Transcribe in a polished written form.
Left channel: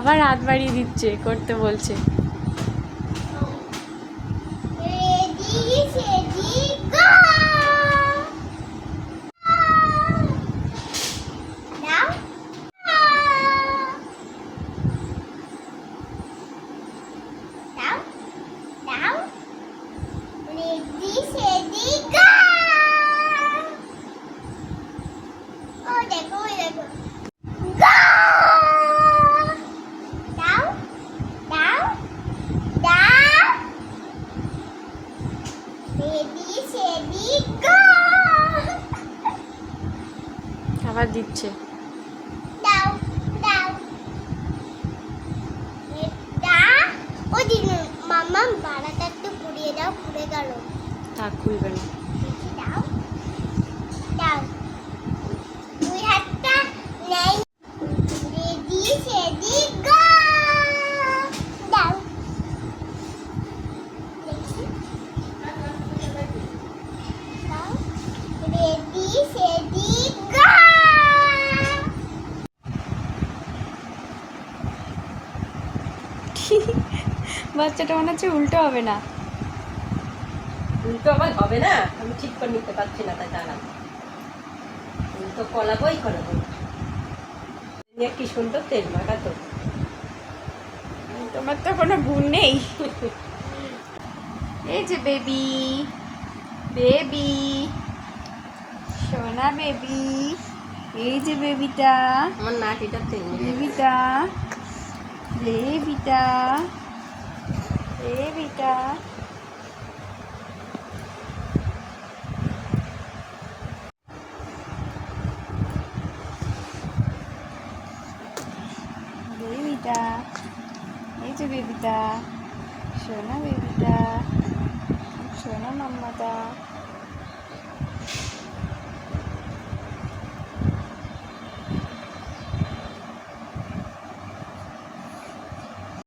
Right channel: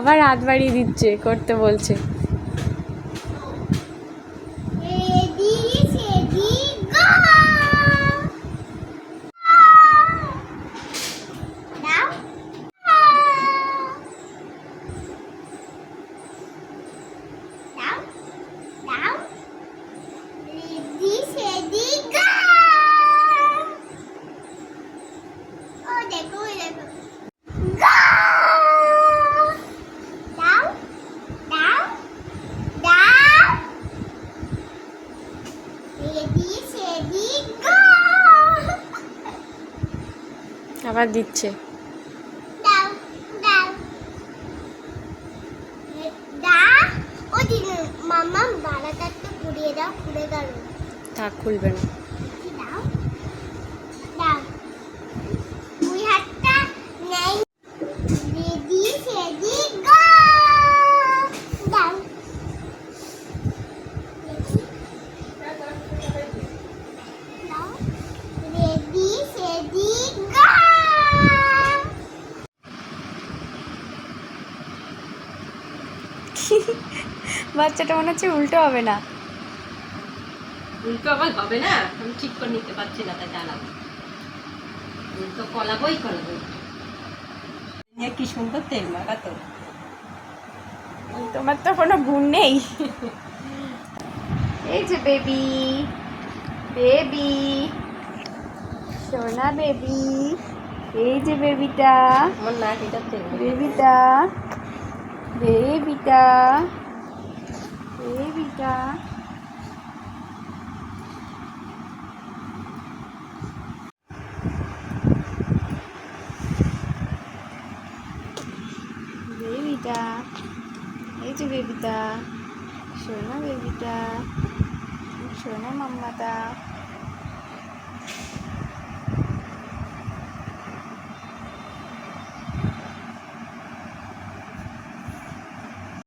আবার হাত বাড়িয়ে দিচ্ছে, করতে বলছে। আবার দিচ্ছে। মামা বাড়াটা একটু ঘুরিয়ে দাও, খুলে গেল। থাক, খুলবে না। দাও দাও, দুই হাতটা নেই। রেডি সেডি গো। দাও দাও, রেডি সেডি গো। বাচ্চাটা মনে হচ্ছে উল্টো হবে না। উল্টো আবার হবে না, আমি ঠিক করে নিতে পারছি না, তাই চালাবো। উল্টো কলাবই কলাবো। কি সুন্দর তেল মাখাতো। তোমার তো কোনো গুণ নেই। এই যে বেবি, বেবি, সোনা বেবি, এই যে বেবিটা, আমার নাটিটা তেল বেবিটা, বেবিটা, বেবিটা। বেবিটা, এই যে বেবিটা, সোনা বেবিটা, সোনা মাম্মাটা।